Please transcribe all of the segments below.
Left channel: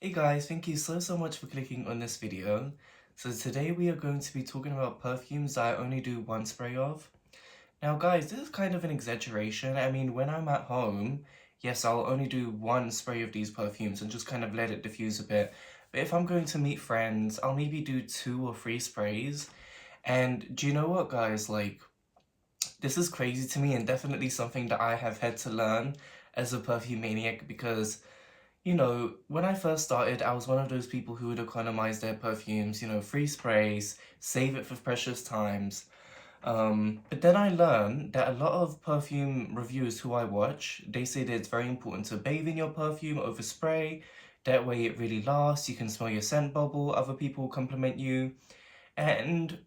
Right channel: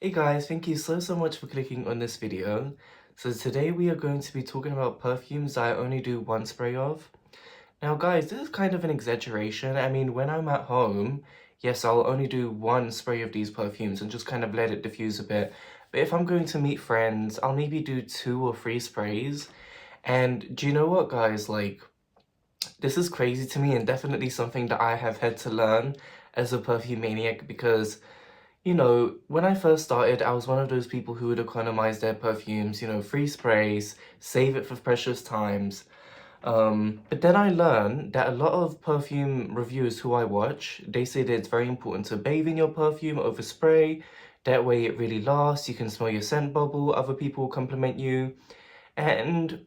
Hey guys, thank you so much for clicking on this video. So today we are going to be talking about perfumes that I only do one spray of. Now guys, this is kind of an exaggeration. I mean, when I'm at home, yes, I'll only do one spray of these perfumes and just kind of let it diffuse a bit. But if I'm going to meet friends, I'll maybe do 2 or 3 sprays. And do you know what guys, like, this is crazy to me and definitely something that I have had to learn as a perfume maniac because when I first started, I was one of those people who would economize their perfumes, 3 sprays, save it for precious times. But then I learned that a lot of perfume reviewers who I watch, they say that it's very important to bathe in your perfume over spray. That way it really lasts, you can smell your scent bubble, other people will compliment you. And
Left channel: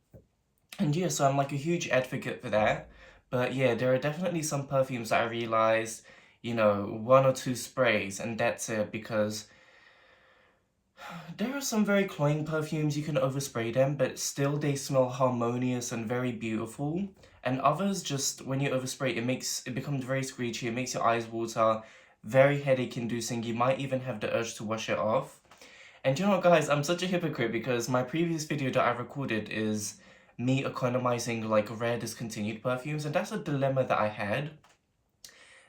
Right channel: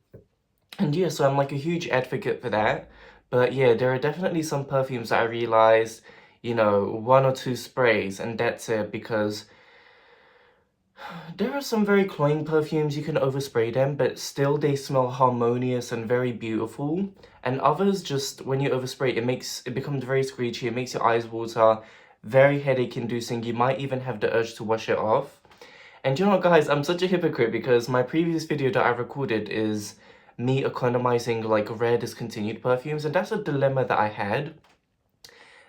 and yeah, so I'm like a huge advocate for that. But yeah, there are definitely some perfumes that I realized, 1 or 2 sprays and that's it because there are some very cloying perfumes, you can overspray them, but still they smell harmonious and very beautiful. And others just, when you overspray, it becomes very screechy, it makes your eyes water, very headache inducing, you might even have the urge to wash it off. And you know what guys, I'm such a hypocrite because my previous video that I recorded is me economizing like rare discontinued perfumes, and that's a dilemma that I had.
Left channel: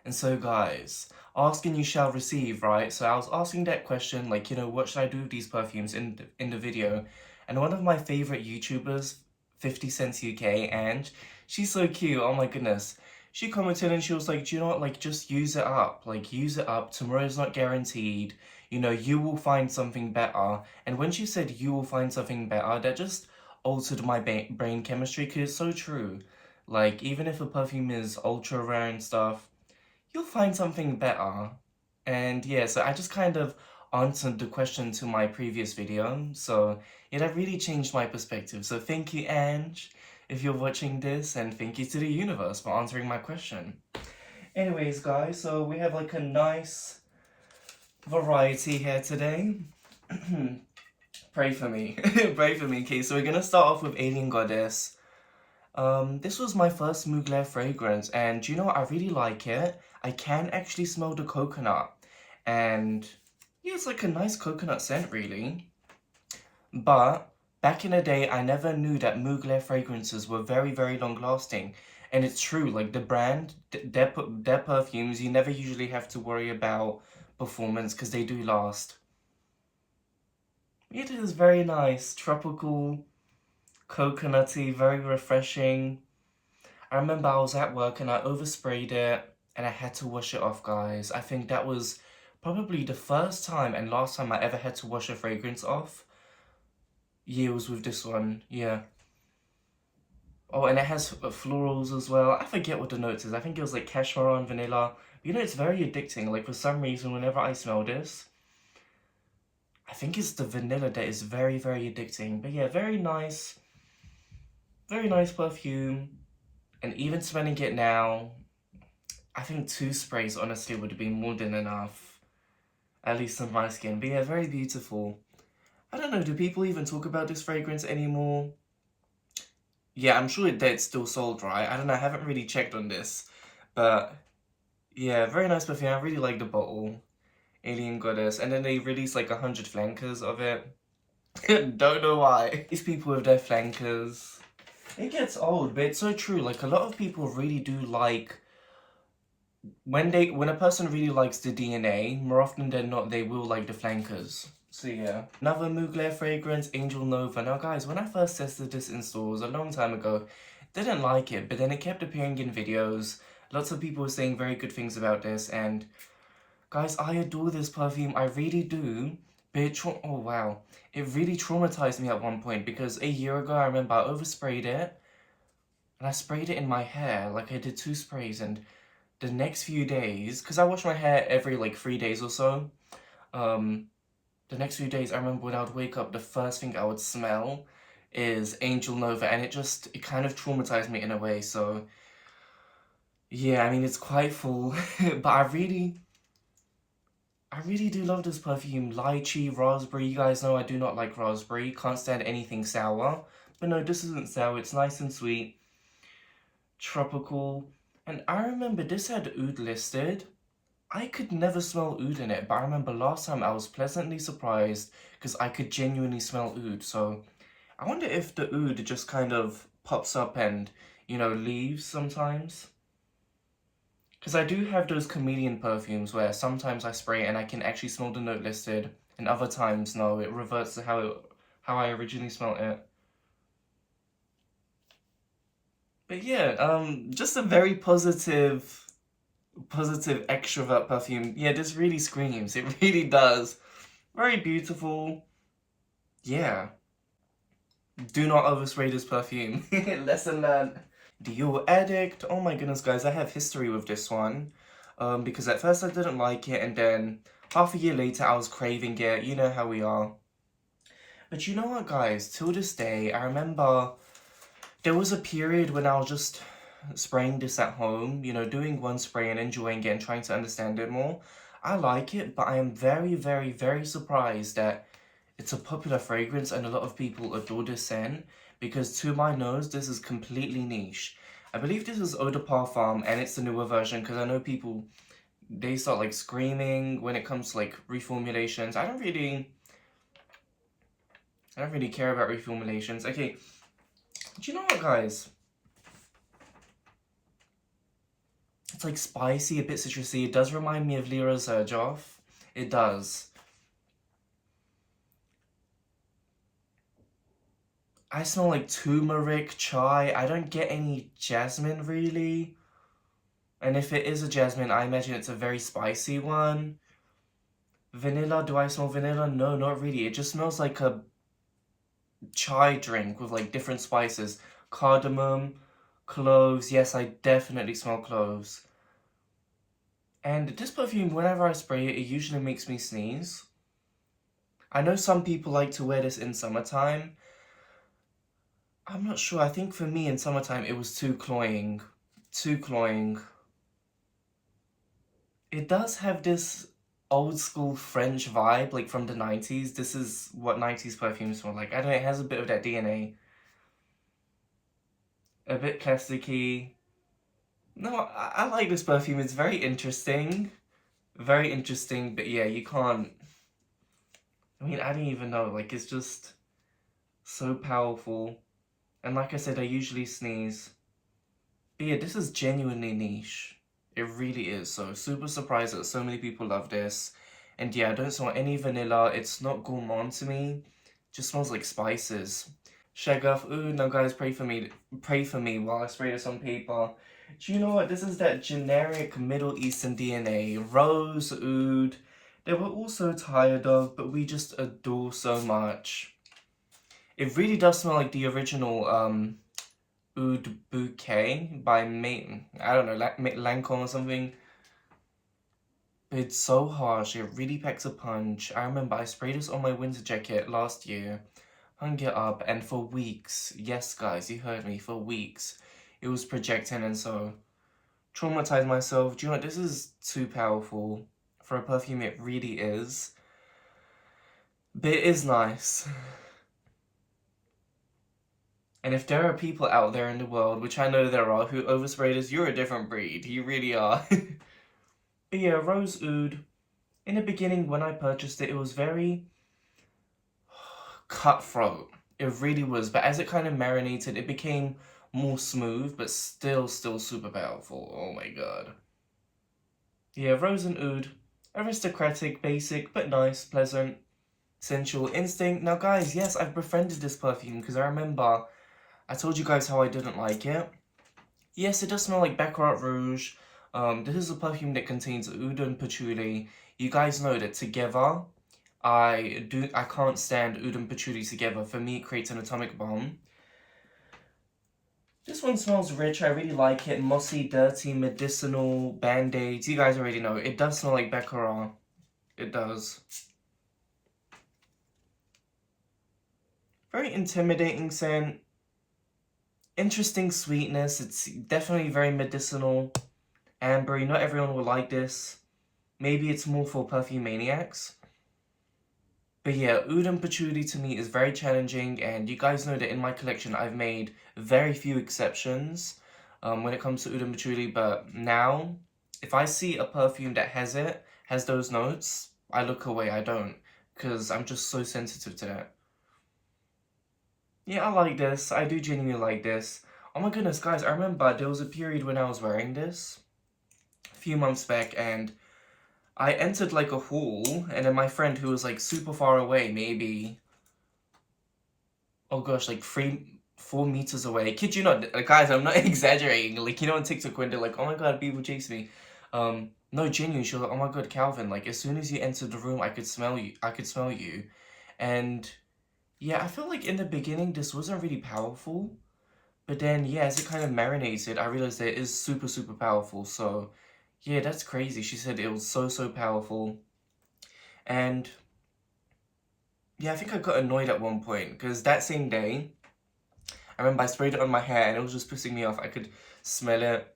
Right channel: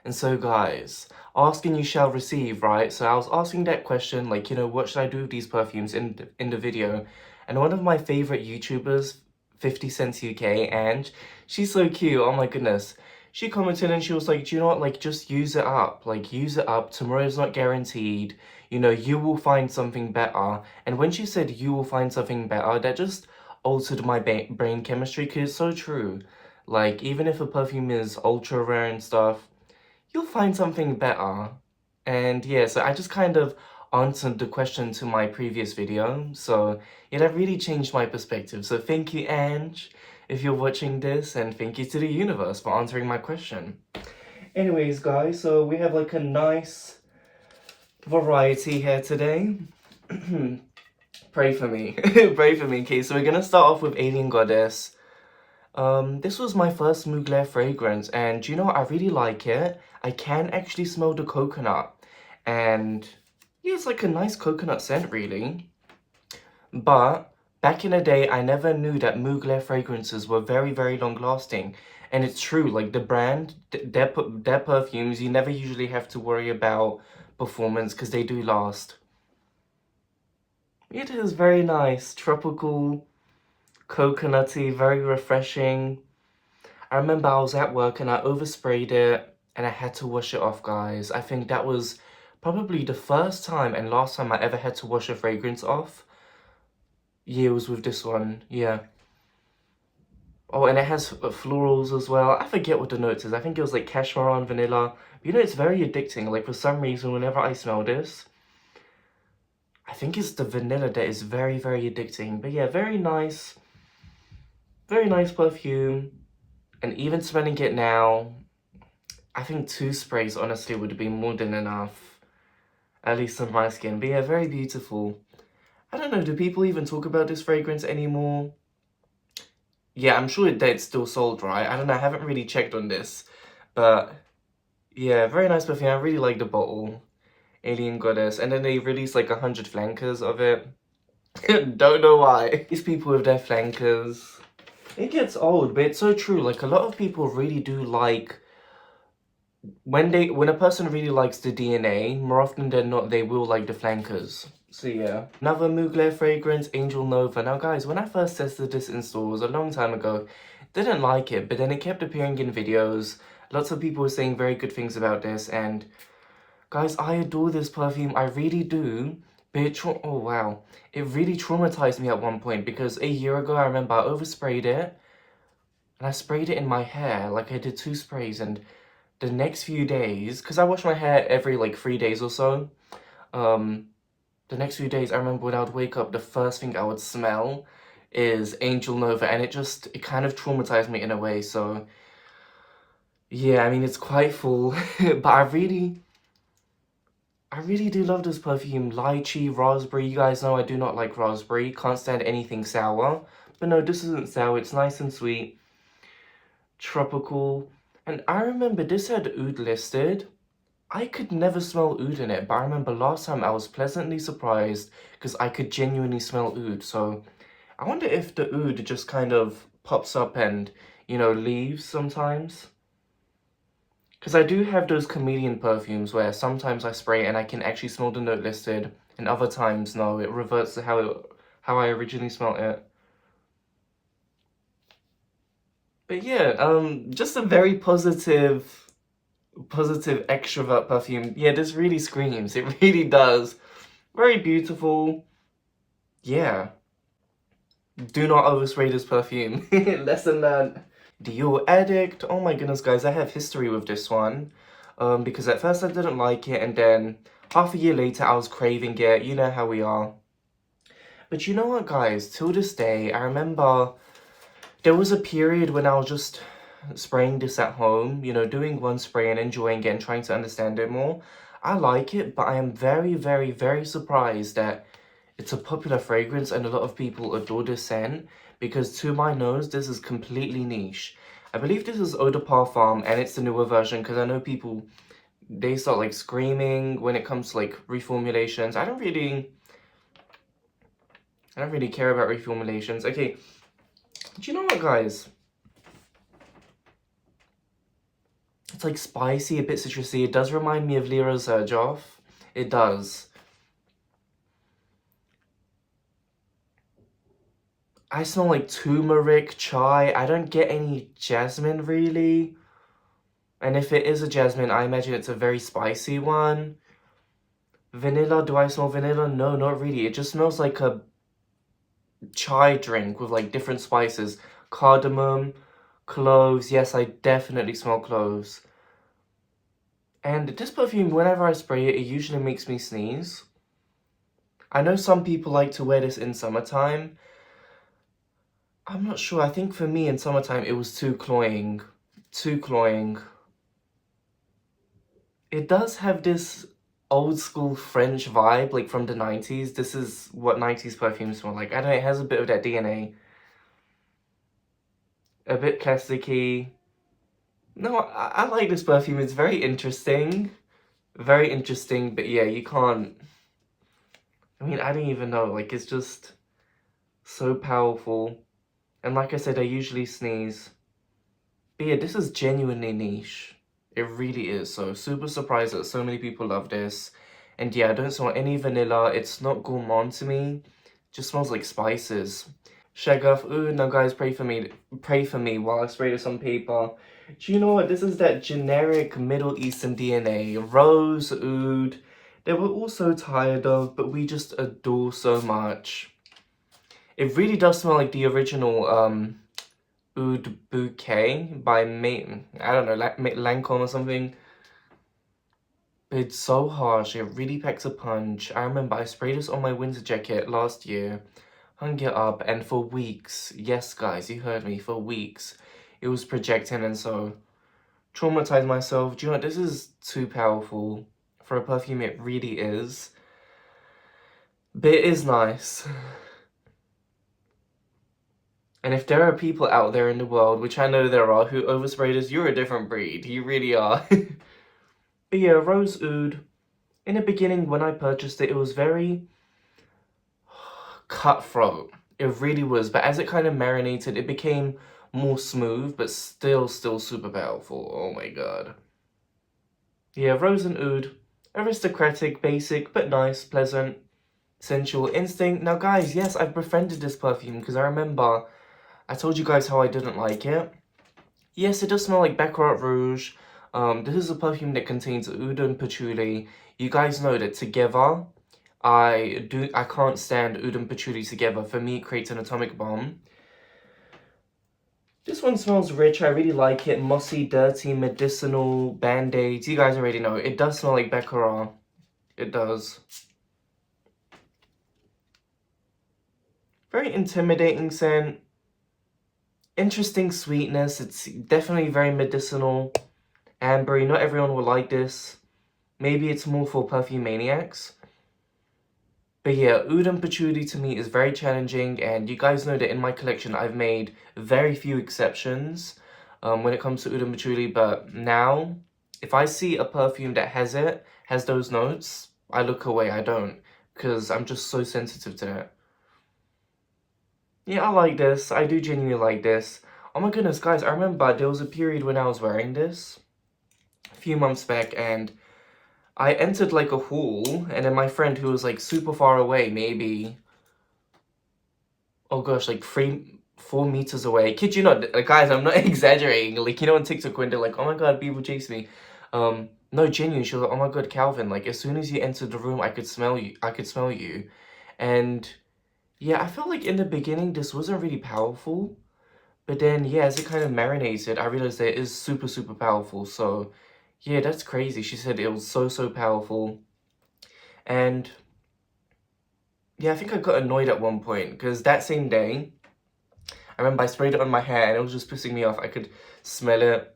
And so guys, asking you shall receive, right? So I was asking that question, like, what should I do with these perfumes in the video? And one of my favorite YouTubers, 50 Cents UK, and she's so cute, oh my goodness. She commented and she was like, do you know what, like, just use it up. Like, use it up, tomorrow's not guaranteed. You will find something better. And when she said you will find something better, that just altered my brain chemistry, because it's so true. Like, even if a perfume is ultra rare and stuff, you'll find something better. And yeah, so I just kind of answered the question to my previous video. So yeah, that really changed my perspective. So thank you, Ange, if you're watching this, and thank you to the universe for answering my question. Anyways, guys, so we have like a nice variety here today. Pray for me. Pray for me. Okay, so we're gonna start off with Alien Goddess. This was my first Mugler fragrance, and do you know what? I really like it. I can actually smell the coconut, and yeah, it's like a nice coconut scent, really. But back in the day, I never knew that Mugler fragrances were very long lasting. And it's true, like the brand, their perfumes, you never usually have to worry about performance because they do last. It is very nice, tropical, coconutty, very refreshing. I remember I was at work and I oversprayed it and I had to wash it off, guys. I think that was probably the first time and last time I ever had to wash a fragrance off. Yeah, it was with this one, yeah. Oh, and it has florals as well. I forget what the notes is. I think it was like cashmere and vanilla. But, it's very addicting. Like, for some reason, whenever I smell this, I think it's the vanilla that is very addicting. But yeah, very nice perfume. And even smelling it now, I think 2 sprays honestly would be more than enough, at least on my skin. But yeah, very beautiful. I don't know, do people even talk about this fragrance anymore? Yeah, I'm sure that it's still sold, right? I don't know, I haven't really checked on this. But yeah, very nice perfume. I really like the bottle. Alien Goddess. And then they released like 100 flankers of it. Don't know why. These people with their flankers. It gets old, but it's so true. Like, a lot of people really do like when a person really likes the DNA, more often than not, they will like the flankers. So yeah. Another Mugler fragrance, Angel Nova. Now guys, when I first tested this in stores a long time ago, didn't like it, but then it kept appearing in videos. Lots of people were saying very good things about this, and guys, I adore this perfume, I really do. But oh wow, it really traumatized me at one point because a year ago I remember I oversprayed it, and I sprayed it in my hair, like I did 2 sprays, and the next few days, because I wash my hair every like 3 days or so, the next few days I remember when I would wake up, the first thing I would smell is Angel Nova, and it kind of traumatized me in a way. So yeah, I mean, it's quite full, but I really do love this perfume. Lychee, raspberry. You guys know I do not like raspberry, can't stand anything sour, but no, this isn't sour, it's nice and sweet, tropical. And I remember this had oud listed. I could never smell oud in it, but I remember last time I was pleasantly surprised because I could genuinely smell oud. So I wonder if the oud just kind of pops up and, you know, leaves sometimes. Because I do have those chameleon perfumes where sometimes I spray and I can actually smell the note listed, and other times, no, it reverts to how I originally smelled it. But yeah, just a very positive extrovert perfume. Yeah, this really screams. It really does. Very beautiful. Yeah. Do not overspray this perfume. Lesson learned. Dior Addict. Oh my goodness, guys, I have history with this one. Because at first I didn't like it, and then half a year later I was craving it. You know how we are. But you know what, guys? Till this day, I remember there was a period when I was just spraying this at home, you know, doing one spray and enjoying it and trying to understand it more. I like it, but I am very, very, very surprised that it's a popular fragrance and a lot of people adore this scent because to my nose, this is completely niche. I believe this is Eau de Parfum and it's the newer version because I know people, they start like screaming when it comes to like reformulations. I don't really care about reformulations. Okay, do you know what, guys? It's like spicy, a bit citrusy. It does remind me of Lyra's shaghaf. It does. I smell like turmeric, chai. I don't get any jasmine really. And if it is a jasmine, I imagine it's a very spicy one. Vanilla, do I smell vanilla? No, not really. It just smells like a chai drink with like different spices. Cardamom, cloves. Yes, I definitely smell cloves. And this perfume, whenever I spray it, it usually makes me sneeze. I know some people like to wear this in summertime. I'm not sure. I think for me in summertime, it was too cloying. Too cloying. It does have this old school French vibe, like from the 90s. This is what 90s perfumes smell like. I don't know, it has a bit of that DNA. A bit plasticky. No, I like this perfume. It's very interesting. Very interesting, but yeah, you can't... I mean, I don't even know. Like, it's just so powerful. And like I said, I usually sneeze. But yeah, this is genuinely niche. It really is. So super surprised that so many people love this. And yeah, I don't smell any vanilla. It's not gourmand to me. Just smells like spices. Shaghaf. Ooh, now guys, pray for me. Pray for me while I spray this on paper. Do you know what? This is that generic Middle Eastern DNA. Rose, oud. That we're all so tired of, but we just adore so much. It really does smell like the original Oud Bouquet by I don't know, Lancome or something. It's so harsh, it really packs a punch. I remember I sprayed this on my winter jacket last year, hung it up, and for weeks, yes guys, you heard me, for weeks, it was projecting and so traumatized myself. Do you know what, this is too powerful. For a perfume, it really is. But it is nice. And if there are people out there in the world, which I know there are, who overspray this, you're a different breed. You really are. But yeah, Rose Oud. In the beginning, when I purchased it, it was very cutthroat. It really was. But as it kind of marinated, it became more smooth, but still super powerful. Oh my god. Yeah, Rose and Oud. Aristocratic, basic, but nice, pleasant, sensual instinct. Now, guys, yes, I've befriended this perfume because I remember I told you guys how I didn't like it. Yes, it does smell like Baccarat Rouge. This is a perfume that contains oud and patchouli. You guys know that together, I can't stand oud and patchouli together. For me, it creates an atomic bomb. This one smells rich. I really like it. Mossy, dirty, medicinal, band-aids. You guys already know. It does smell like Baccarat. It does. Very intimidating scent. Interesting sweetness. It's definitely very medicinal. Ambery. Not everyone will like this. Maybe it's more for perfume maniacs. But yeah, oud and patchouli to me is very challenging, and you guys know that in my collection I've made very few exceptions when it comes to oud and patchouli, but now If I see a perfume that has those notes, I look away, I don't. Because I'm just so sensitive to that. Yeah, I like this. I do genuinely like this. Oh my goodness, guys, I remember there was a period when I was wearing this a few months back, and I entered like a hall, and then my friend who was like super far away, maybe, oh gosh, like 4 meters away. Kid you not, guys, I'm not exaggerating. Like, you know, on TikTok when they're like, oh my god, people chase me. No, genuinely, she was like, oh my god, Calvin, like, as soon as you entered the room, I could smell you. I could smell you. And yeah, I felt like in the beginning, this wasn't really powerful. But then, yeah, as it kind of marinated, I realized that it is super, super powerful. So, yeah, that's crazy. She said it was so, so powerful. And yeah, I think I got annoyed at one point because that same day, I remember I sprayed it on my hair and it was just pissing me off. I could smell it.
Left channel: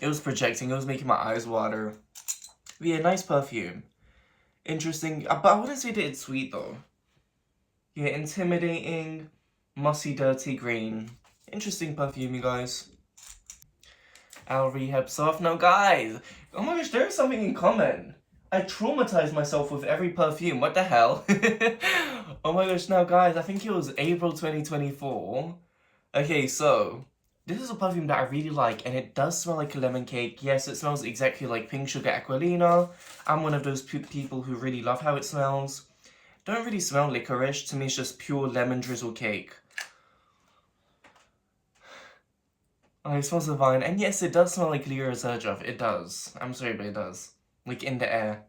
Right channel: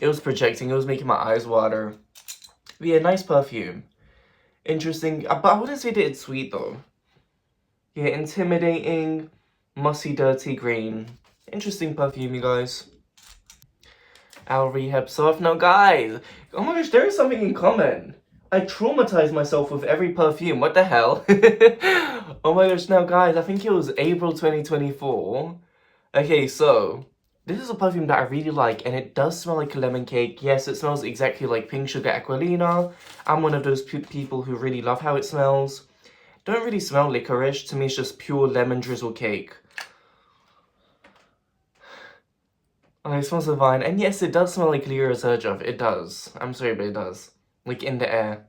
It was projecting. It was making my eyes water. But yeah, nice perfume. Interesting. But I wouldn't say that it's sweet though. Yeah, intimidating, mossy, dirty green. Interesting perfume, you guys. Our rehab soft. Now, guys, oh my gosh, there is something in common. I traumatized myself with every perfume. What the hell? Oh my gosh, now, guys, I think it was April 2024. Okay, so this is a perfume that I really like, and it does smell like a lemon cake. Yes, it smells exactly like Pink Sugar Aquilina. I'm one of those people who really love how it smells. Don't really smell licorice. To me, it's just pure lemon drizzle cake. Oh, it smells divine. And yes, it does smell like Lira Sergov. It does. I'm sorry, but it does. Like, in the air.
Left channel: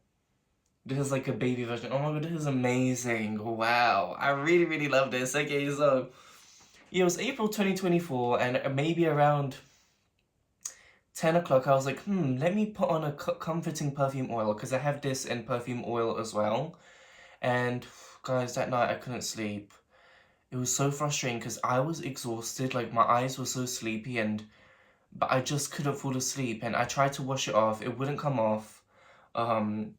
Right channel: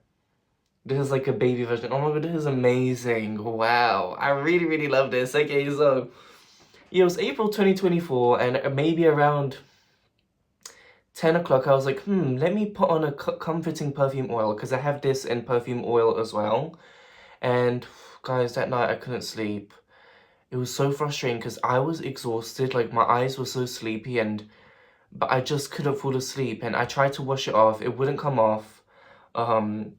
This is like a baby version. Oh my god, this is amazing. Wow. I really, really love this. Okay, so yeah, it was April 2024, and maybe around 10 o'clock, I was like, let me put on a comforting perfume oil, because I have this in perfume oil as well. And guys, that night I couldn't sleep. It was so frustrating because I was exhausted, like my eyes were so sleepy, but I just couldn't fall asleep, and I tried to wash it off, it wouldn't come off. And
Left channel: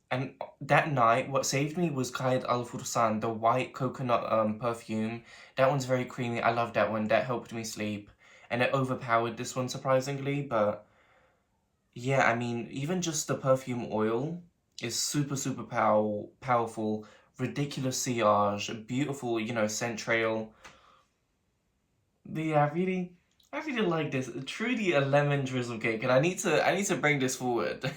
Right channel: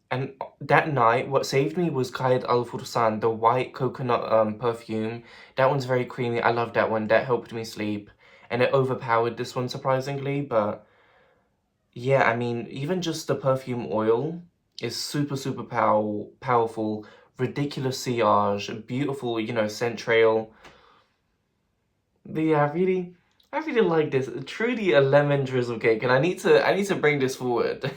that night, what saved me was Kayed Al Fursan, the white coconut perfume. That one's very creamy. I love that one. That helped me sleep, and it overpowered this one surprisingly. But yeah, I mean, even just the perfume oil is super, super powerful. Ridiculous sillage, beautiful, you know, scent trail. But yeah, I really like this. Truly a lemon drizzle cake, and I need to bring this forward.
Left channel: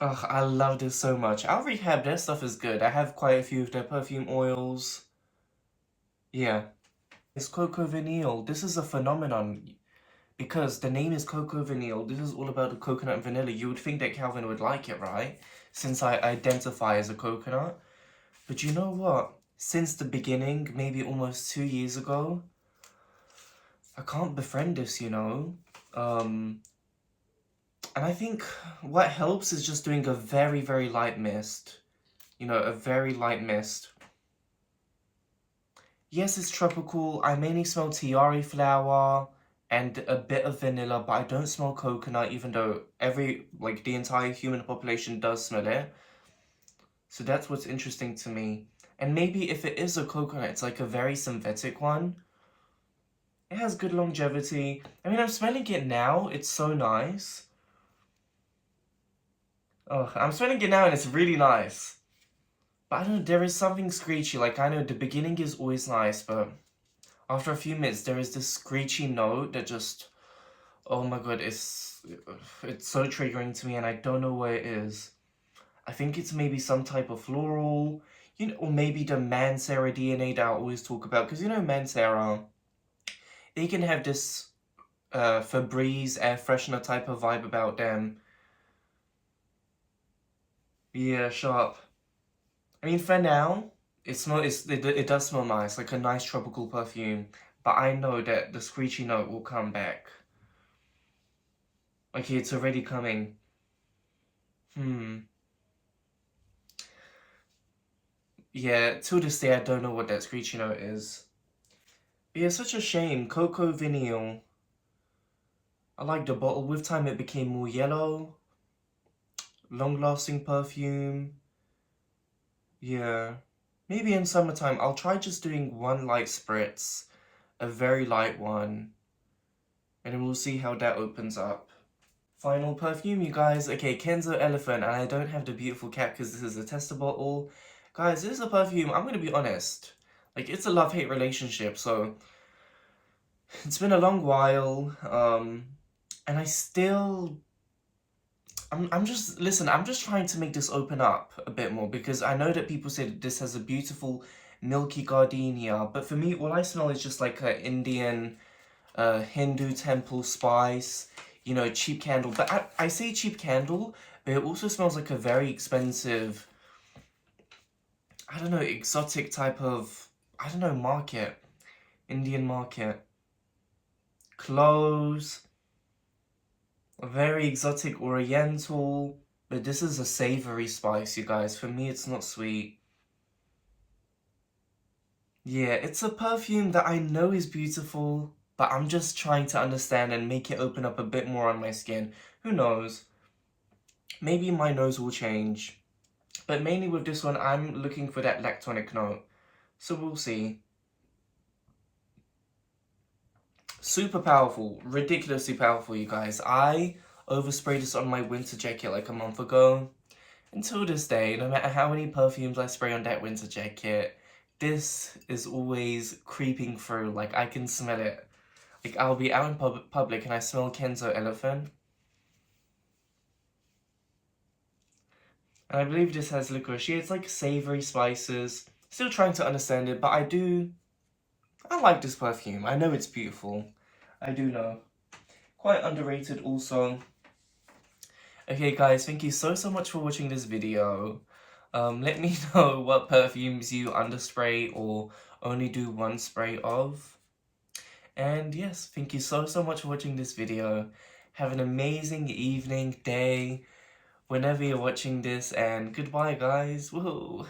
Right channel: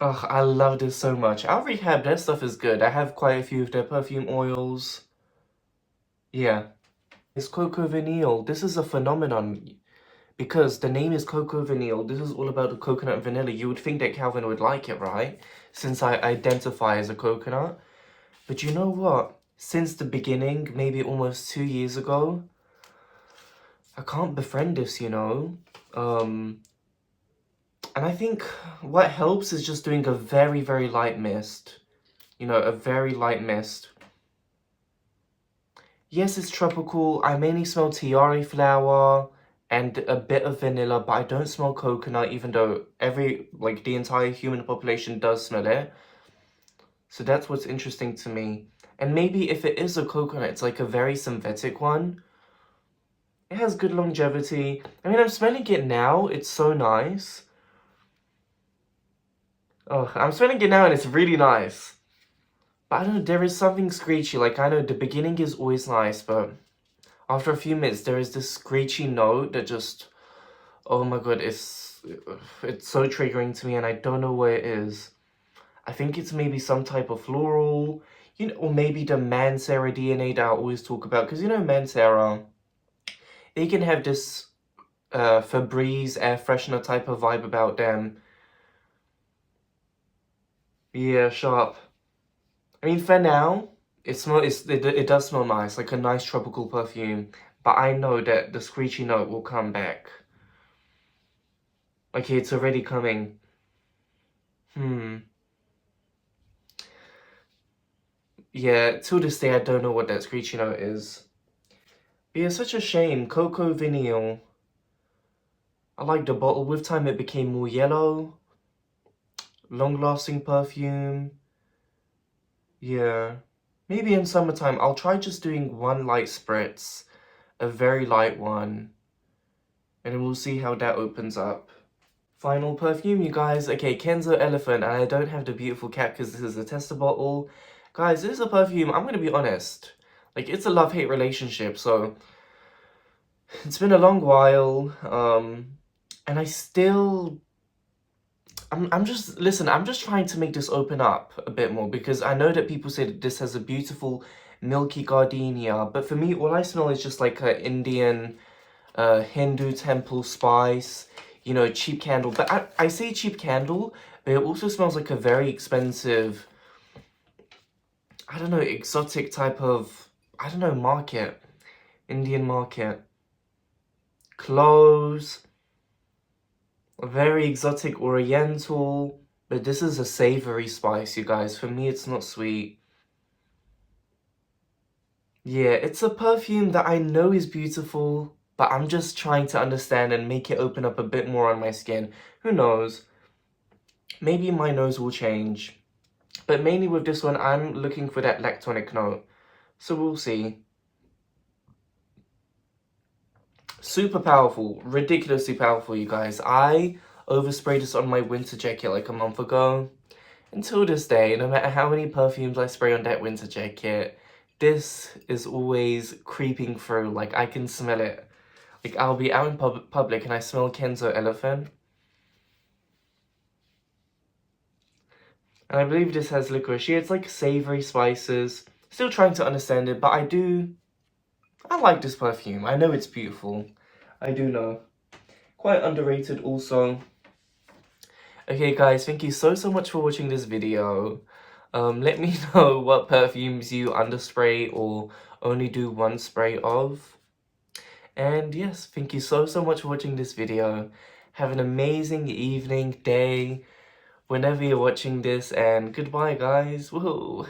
Oh, I love this so much. Our rehab, their stuff is good. I have quite a few of their perfume oils. Yeah. It's coco vanille. This is a phenomenon because the name is coco vanille. This is all about the coconut and vanilla. You would think that Calvin would like it, right? Since I identify as a coconut. But you know what? Since the beginning, maybe almost 2 years ago, I can't befriend this, you know? And I think what helps is just doing a very, very light mist. You know, a very light mist. Yes, it's tropical. I mainly smell tiare flower and a bit of vanilla, but I don't smell coconut, even though the entire human population does smell it. So that's what's interesting to me. And maybe if it is a coconut, it's like a very synthetic one. It has good longevity. I mean, I'm smelling it now. It's so nice. Oh, I'm smelling it now and it's really nice. But I don't know, there is something screechy. Like, I know the beginning is always nice, but after a few minutes, there is this screechy note that just, oh my god, it's so triggering to me, and I don't know what it is. I think it's maybe some type of floral, you know, or maybe the Mancera DNA that I always talk about, because you know Mancera, they can have this Febreze air freshener type of vibe about them. Yeah, sharp. I mean, for now, it does smell nice, like a nice tropical perfume. But I know that the screechy note will come back. Okay, it's already coming. Yeah, to this day, I don't know what that screechy note is. But yeah, such a shame. Coco Vanille. I like the bottle. With time, it became more yellow. Long-lasting perfume. Yeah. Maybe in summertime, I'll try just doing one light spritz. A very light one. And then we'll see how that opens up. Final perfume, you guys. Okay, Kenzo Elephant. And I don't have the beautiful cat because this is a tester bottle. Guys, this is a perfume, I'm going to be honest. Like, it's a love-hate relationship, so it's been a long while. And I still... I'm just... Listen, I'm just trying to make this open up a bit more because I know that people say that this has a beautiful milky gardenia, but for me, all I smell is just like an Indian... Hindu temple spice, you know, cheap candle. But I say cheap candle, but it also smells like a very expensive, I don't know, exotic type of, I don't know, market. Indian market. Cloves. A very exotic oriental. But this is a savory spice, you guys. For me, it's not sweet. Yeah, it's a perfume that I know is beautiful, but I'm just trying to understand and make it open up a bit more on my skin. Who knows? Maybe my nose will change. But mainly with this one, I'm looking for that lactonic note. So we'll see. Super powerful. Ridiculously powerful, you guys. I oversprayed this on my winter jacket like a month ago. Until this day, no matter how many perfumes I spray on that winter jacket, this is always creeping through. Like, I can smell it. Like, I'll be out in public and I smell Kenzo Elephant. And I believe this has licorice. Yeah, it's like savory spices. Still trying to understand it, but I like this perfume. I know it's beautiful. I do know. Quite underrated also. Okay guys, thank you so much for watching this video. Let me know what perfumes you underspray or only do one spray of. And yes, thank you so much for watching this video. Have an amazing evening, day, whenever you're watching this, and goodbye guys. Woohoo!